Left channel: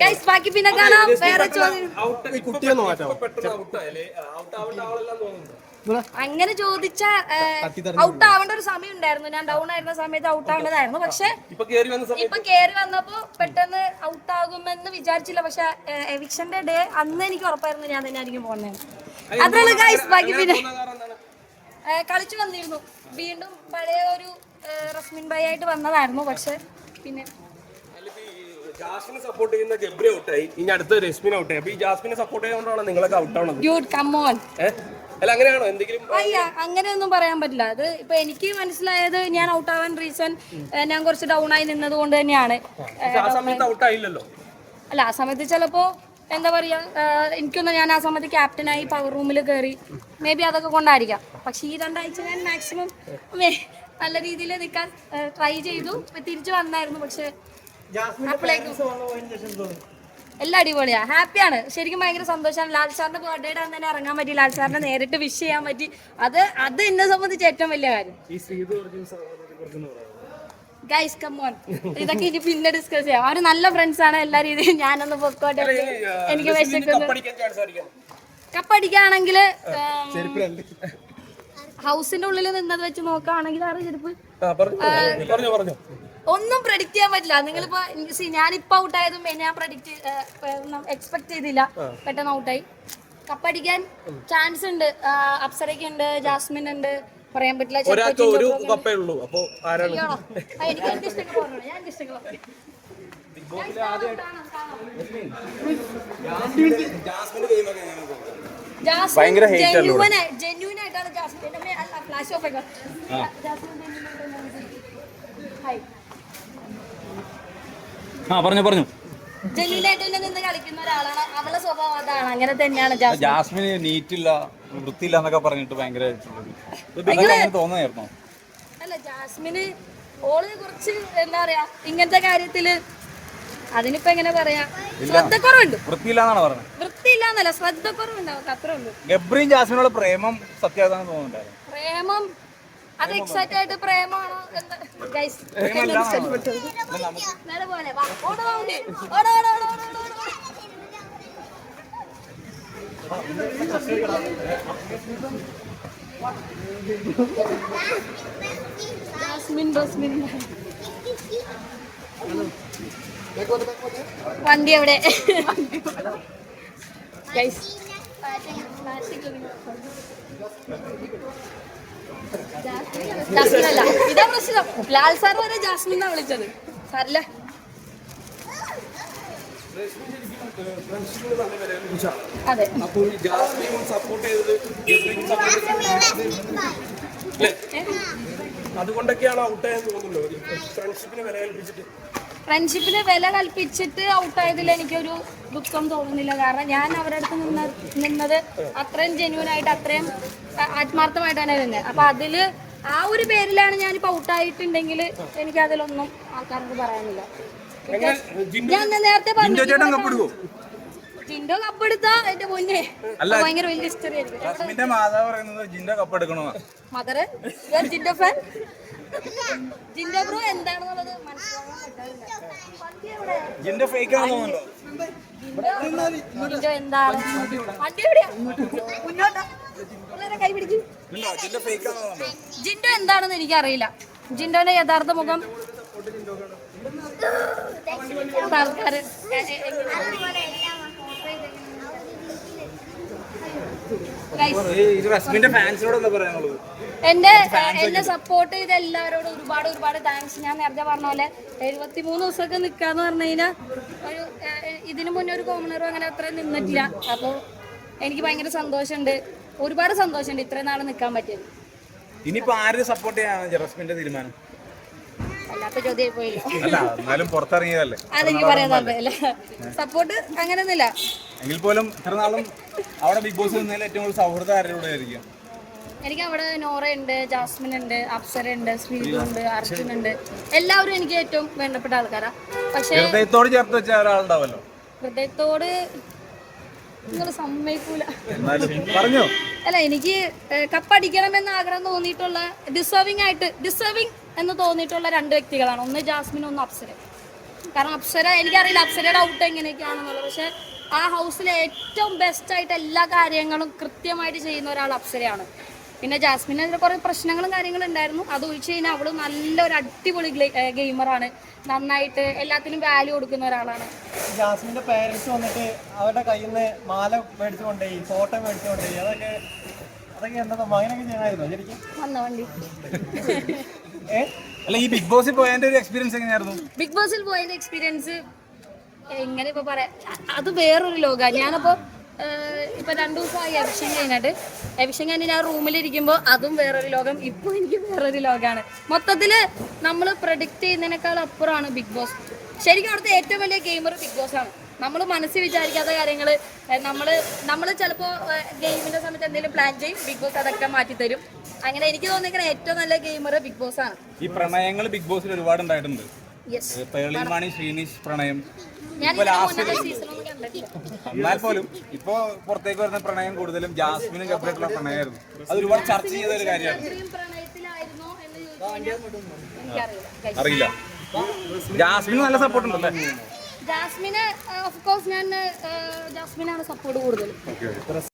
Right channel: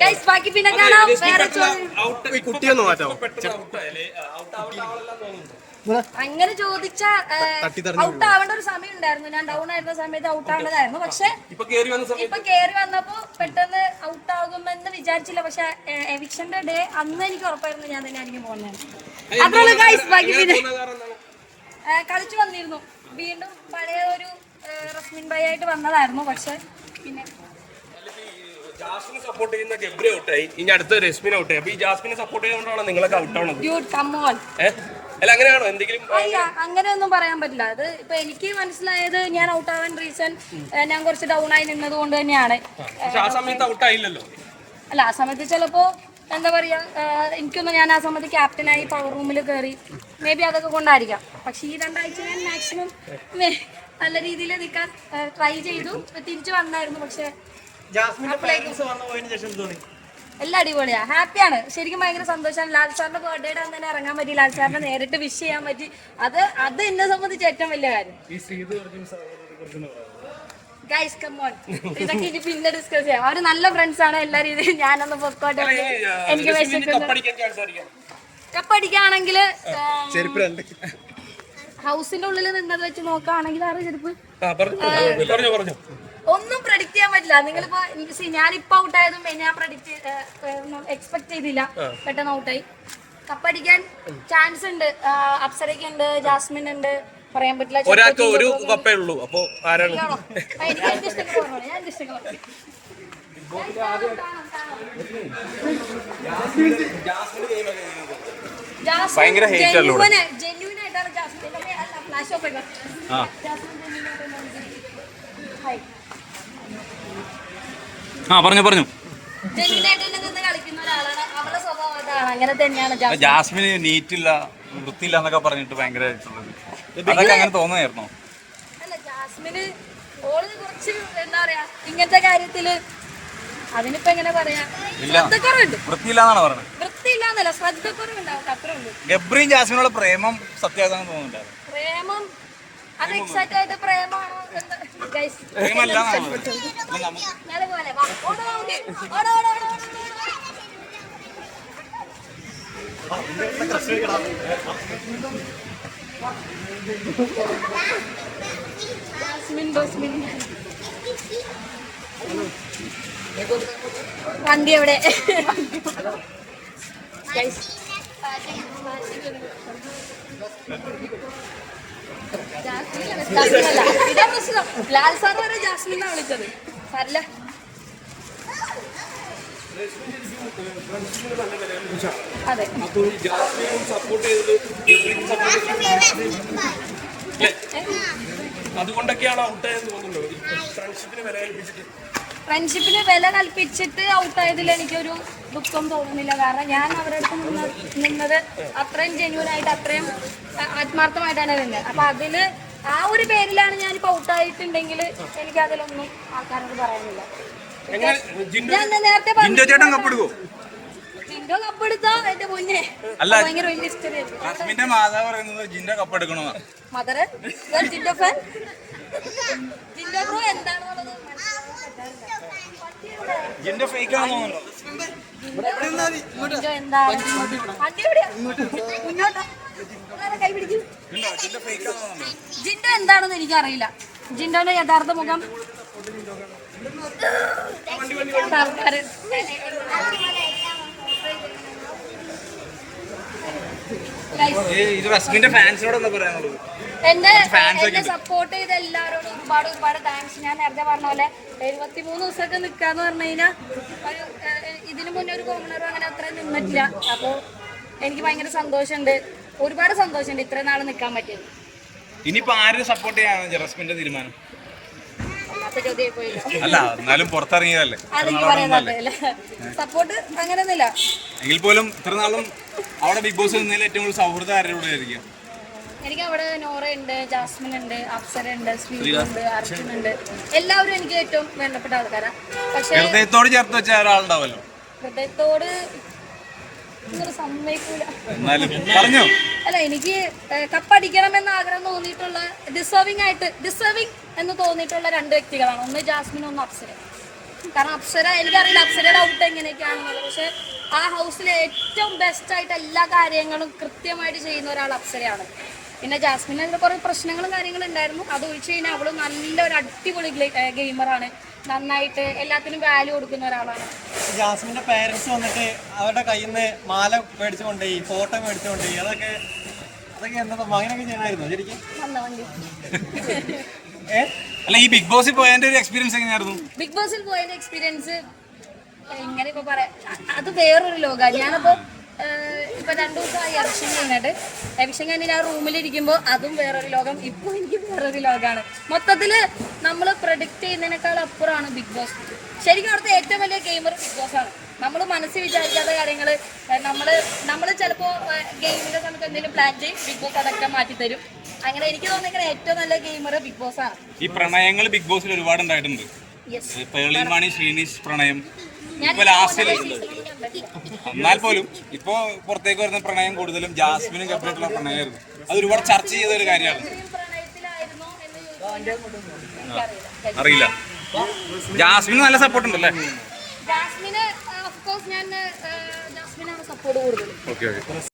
Guys ബാക്കി പിന്നെ കാണാം. വേറെ കുട്ടിയൊന്നും മാറ്റാമോ? അങ്ങനെ ചോദിച്ച ഔട്ട് ആവേണ്ട ഒരു സമയം ഉണ്ടായിരുന്നു. ഞാൻ ഡൗൺ ആയിരുന്ന സമയത്ത് ഔട്ട് ആവേണ്ടതായിരുന്നു. പക്ഷെ ഇപ്പൊ കേറി വന്നപ്പോ പെട്ടെന്ന് ഔട്ട് ആകുമെന്ന് വിചാരിച്ചില്ല. പക്ഷെ എവിക്ഷന്റെ ഡേ അന്ന് എനിക്ക് ഉറപ്പായിരുന്നു ഞാൻ തന്നെ ആയിരിക്കും പോകുന്നത്. അതുപോലെ ഗൈസ് ബാക്കി പിന്നെ കളിച്ചു വന്നിരുന്നു. വീണ്ടും പഴയ ഒരു റസ്മിൻ ബൈ ആയിട്ട് വന്നതായിരുന്നു. പക്ഷെ പിന്നെ ജാസ്മിനെ സപ്പോർട്ട് ചെയ്യുന്ന ഗബ്രി ഔട്ടായി, ഇനി അടുത്ത രശ്മിൻ ഔട്ടായി. അപ്പൊ ഈ ജാസ്മിനെ സപ്പോർട്ട് ചെയ്തുകൊണ്ടാണ് നിങ്ങളൊക്കെ ഔട്ടാണത്. അല്ല അങ്ങനെയാണോ? എന്തെങ്കിലും അങ്ങനെയൊന്നും പറയാൻ പറ്റില്ല. അത് ഇപ്പൊ എനിക്ക് മനസ്സിലായത് ഞാൻ ഔട്ട് ആവാൻ റീസൺ ഞാൻ കുറച്ച് ഡൗൺ ആയി നിന്നത് കൊണ്ട് തന്നെയാണ്. ആ സമയത്ത് ഔട്ടായില്ലല്ലോ. അല്ല ആ സമയത്ത് ചിലപ്പോ എന്താ പറയാ, എനിക്കൊന്നും ഞാൻ ആ സമയത്ത് ക്യാപ്റ്റനായി പവർ റൂമിൽ കയറി, മേ ബി അതൊക്കെ കൊണ്ടായിരിക്കാം. പക്ഷെ ഈ 2 ആഴ്ച ഞാൻ മാക്സിമം നല്ല രീതിയിൽ നിൽക്കാൻ ട്രൈ ചെയ്തു. തിരിച്ചു വന്നായിരുന്നു. പക്ഷെ എല്ലാം അടിപൊളിയാ, ഹാപ്പിയാണ്. ശരിക്കും ഭയങ്കര സന്തോഷമാണ്. ലാൽ സാറിന്റെ ബർത്ത്ഡേയുടെ അന്ന് തന്നെ ഇറങ്ങാൻ പറ്റി, ലാൽ സാറിനെ നേരിട്ട് വിഷ് ചെയ്യാൻ പറ്റി. അത് എന്നെ സംബന്ധിച്ച് ഏറ്റവും വലിയ കാര്യം. ഗൈസ് കം ഓൺ, ഇതൊക്കെ ഇനി പിന്നെ ഡിസ്കസ് ചെയ്യാം. അവര് നല്ല ഫ്രണ്ട്സ് ആണ് എല്ലാ രീതിയിലും. ഞാനൊന്ന് പൊക്കോട്ടെ, എനിക്ക് വിശക്കുന്നു. കപ്പടിക്കുകയാണെങ്കിൽ ഹൗസിന്റെ ഉള്ളിൽ നിന്നത് വെച്ച് നോക്കുകയാണെങ്കിൽ ആറ് ചെരുപ്പ് ഒന്നും പ്രഡിക്ട് ചെയ്യാൻ പറ്റില്ല. നിങ്ങളിപ്പോ ഞാനിപ്പോ ഔട്ടായതും ഞാൻ എക്സ്പെക്ട് ചെയ്തില്ല. പെട്ടെന്ന് ഔട്ടായി. കപ്പടിക്കാൻ ചാൻസ് ഉണ്ട്. അപ്സരയ്ക്ക് ഉണ്ട്, ജാസ്മിൻ ഉണ്ട്, പറയാൻ പറ്റില്ല. ഒരാൾക്ക് ഒരു കപ്പേ ഉള്ളൂ. അപ്പൊ ആരാണ്? ജെന്യൂൻ ആയിട്ടാണ് ജാസ്മിൻ. ഫ്ലാഷ് ഓഫ് ഒക്കെ പറഞ്ഞു അങ്ങനെ തന്നെയാണ്. ജാസ്മിന് നീറ്റില്ല, വൃത്തിയില്ല എന്നൊക്കെ പറഞ്ഞിട്ട് ഭയങ്കരമായിട്ടുള്ളത് അതൊക്കെ അങ്ങനെ തോന്നുന്നായിരുന്നോ? അല്ല, ജാസ്മിന് ഓളിന് കുറച്ച് എന്താ പറയാ ഇങ്ങനത്തെ കാര്യത്തില് അതിനിപ്പോ എങ്ങനെ പറയാ, ശ്രദ്ധക്കുറവുണ്ട്. വൃത്തിയില്ലാന്നാണ് പറഞ്ഞത്. വൃത്തിയില്ലാന്നല്ല, ശ്രദ്ധക്കുറവുണ്ടാവും, അത്രേ ഉള്ളൂ. ഗബ്രിയും ജാസ്മിനുള്ള പ്രേമം സത്യമാണെന്ന് തോന്നുന്നുണ്ടായിരുന്നു. പ്രേമം അത് എക്സാക്ട് ആയിട്ട് പ്രേമാണോ? വണ്ടി എവിടെ? ഇതേ പ്രശ്നം. ലാൽ സാർ വരെ ജാസ്മിനാണ് വിളിച്ചത്. സാറില്ല അതെ. അതുകൊണ്ടൊക്കെയാണ് ഔട്ടായെന്ന് തോന്നുന്നുണ്ടോ? ഫ്രണ്ട്ഷിപ്പിന് വില കൽപ്പിച്ചിട്ട് ഔട്ടായതിൽ എനിക്കൊരു ദുഃഖം തോന്നുന്നില്ല. കാരണം ഞാൻ അവരുടെ അടുത്ത് നിന്നത് അത്രയും ജെന്യൂൻ ആയിട്ട്, അത്രയും ആത്മാർത്ഥമായിട്ടാണ് നിന്നത്. അപ്പൊ അതില് ആ ഒരു പേരിലാണ് ഞാനിപ്പോ ഔട്ടായിട്ടുണ്ടെങ്കിൽ എനിക്ക് അതിലൊന്നും ആൾക്കാരോട് പറയാനില്ല. ഞാൻ നേരത്തെ പറഞ്ഞു ജിൻഡോ കപ്പെടുത്താ എന്റെ മുന്നേ ഭയങ്കര വലിയ ഹിസ്റ്ററി ആയിരുന്നു. Mother Jinto fan. Jinto bro എന്താണെന്നുള്ളത് ജിൻഡോ എന്താണ്? വണ്ടി എവിടെയാ? മുന്നോട്ടാ, കൈ പിടിക്കും. ജിൻഡോ എന്താണെന്ന് എനിക്കറിയില്ല. ജിൻഡോന്റെ യഥാർത്ഥ മുഖം ആൾക്കാര് എന്നെ സപ്പോർട്ട് ചെയ്ത എല്ലാവരോടും ഒരുപാട് താങ്ക്സ്. ഞാൻ നേരത്തെ പറഞ്ഞ പോലെ 73 ദിവസമൊക്കെ നിക്കാന്ന് പറഞ്ഞു കഴിഞ്ഞാൽ ഇതിനു മുന്നേ ഒരു കോമണറും അങ്ങനെ അത്ര നിന്നിട്ടില്ല. അപ്പോൾ എനിക്ക് ഭയങ്കര സന്തോഷമുണ്ട്, ഒരുപാട് സന്തോഷമുണ്ട് ഇത്ര നാൾ നിൽക്കാൻ പറ്റിയത്. ഇനിയിപ്പോ ആരും സപ്പോർട്ട് ചെയ്യാൻ ജാസ്മിന്റെ തീരുമാനം? അല്ല, എന്നാലും പുറത്തിറങ്ങിയതല്ലേ, അതെനിക്ക് പറയാനല്ലേ സപ്പോർട്ട് അങ്ങനെയൊന്നുമില്ല. എങ്കിൽ പോലും ഇത്ര നാളും അവിടെ ബിഗ് ബോസ് നിന്നതിൽ ഏറ്റവും കൂടുതൽ സൗഹൃദം ആരുടെ ആയിരിക്കും? എനിക്ക് അവിടെ നോറ ഉണ്ട്, ജാസ്മിൻ ഉണ്ട്, അപ്സര ഉണ്ട്, ശ്രീകുണ്ട്, അർജുൻ ഉണ്ട്. എല്ലാവരും എനിക്ക് ഏറ്റവും വേണ്ടപ്പെട്ട ആൾക്കാരാണ്. പക്ഷേ ഹൃദയത്തോട് ചേർത്ത് വെച്ച ഒരാളുണ്ടാവല്ലോ. ഹൃദയത്തോട് സമ്മതിക്കൂല. അല്ല, എനിക്ക് കപ്പടിക്കണം എന്ന് ആഗ്രഹം തോന്നിയിട്ടുള്ള ഡിസേർവിംഗ് എന്ന് തോന്നിയിട്ടുള്ള 2 വ്യക്തികളാണ്. ഒന്ന് ജാസ്മിൻ, ഒന്ന് അപ്സര. കാരണം അപ്സര എനിക്കറിയില്ല അപ്സരയുടെ ഔട്ട് എങ്ങനെയൊക്കെയാണെന്നുള്ളത്. പക്ഷെ ആ ഹൗസിലെ ഏറ്റവും ബെസ്റ്റ് ആയിട്ട് എല്ലാ കാര്യങ്ങളും കൃത്യമായിട്ട് ചെയ്യുന്ന ഒരാൾ അപ്സരയാണ്. പിന്നെ ജാസ്മിന് കുറേ പ്രശ്നങ്ങളും കാര്യങ്ങളും ഉണ്ടായിരുന്നു. അത് ഒഴിച്ച് കഴിഞ്ഞാൽ അവള് നല്ലൊരു അടിപൊളി ഗെയിമറാണ്. നന്നായിട്ട് എല്ലാത്തിനും വാല്യൂ കൊടുക്കുന്ന ഒരാളാണ്. ജാസ്മിന്റെ പേരൻസ് വന്നിട്ട് അവരുടെ കയ്യിൽ നിന്ന് മാല മേടിച്ചു കൊണ്ടുപോയി, ഫോട്ടോ മേടിച്ചു കൊണ്ടുപോയി, അതൊക്കെ എന്താ അങ്ങനെയൊക്കെ ചെയ്യണമായിരുന്നു ശരിക്കും. അല്ല ഈ ബിഗ് ബോസിൽ പോയതിന്റെ ഒരു എക്സ്പീരിയൻസ് എങ്ങനെയായിരുന്നു? ബിഗ് ബോസിൽ പോയതിന്റെ എക്സ്പീരിയൻസ് എങ്ങനെ ഇപ്പൊ പറയാം, അത് വേറൊരു ലോകമാണ്. ഞാനപ്പോ ഇപ്പൊ 2 ദിവസമായി എവിക്ഷൻ കഴിഞ്ഞിട്ട്. എവിക്ഷൻ കഴിഞ്ഞ് ഞാൻ റൂമിലിരിക്കുമ്പോൾ അതും വേറൊരു ലോകം, ഇപ്പൊ എനിക്ക് വേറൊരു ലോകമാണ്. മൊത്തത്തില് നമ്മൾ പ്രഡിക്റ്റ് ചെയ്യുന്നതിനേക്കാൾ അപ്പുറമാണ് ബിഗ് ബോസ്. ശരിക്കും അവിടുത്തെ ഏറ്റവും വലിയ ഗെയിമർ ബിഗ് ബോസ് ആണ്. നമ്മൾ മനസ്സിൽ വിചാരിക്കാത്ത കാര്യങ്ങൾ നമ്മൾ ചിലപ്പോൾ ഗെയിമിന്റെ സമയത്ത് എന്തെങ്കിലും പ്ലാൻ ചെയ്യും, ബിഗ് ബോസ് അതൊക്കെ മാറ്റിത്തരും. അങ്ങനെ എനിക്ക് തോന്നിയിരിക്കുന്ന ഏറ്റവും നല്ല ഗെയിമർ ബിഗ് ബോസ് ആണ്. ഈ പ്രണയങ്ങൾ ബിഗ് ബോസിൽ ഒരുപാട് ഉണ്ടായിട്ടുണ്ട്. പേളിമാണി ശ്രീനിഷ് പ്രണയം, ഇപ്പൊ ലാസ്റ്റിൽ എന്നാൽ പോലും ഇപ്പോ പുറത്തേക്ക് വരുന്ന പ്രണയം കൂടുതലും ജാസ്മിനും ഗബ്രിയായിട്ടുള്ള പ്രണയമായിരുന്നു. അത് ഒരുപാട് ചർച്ച ചെയ്ത ഒരു കാര്യമാണ്. അറിയില്ല. ജാസ്മിന് നല്ല സപ്പോർട്ട് ഉണ്ടല്ലേ? ജാസ്മിന് ഓഫ് കോഴ്സ് ഞാൻ ജാസ്മിനാണ് സപ്പോർട്ട് കൂടുതൽ. ഓക്കെ.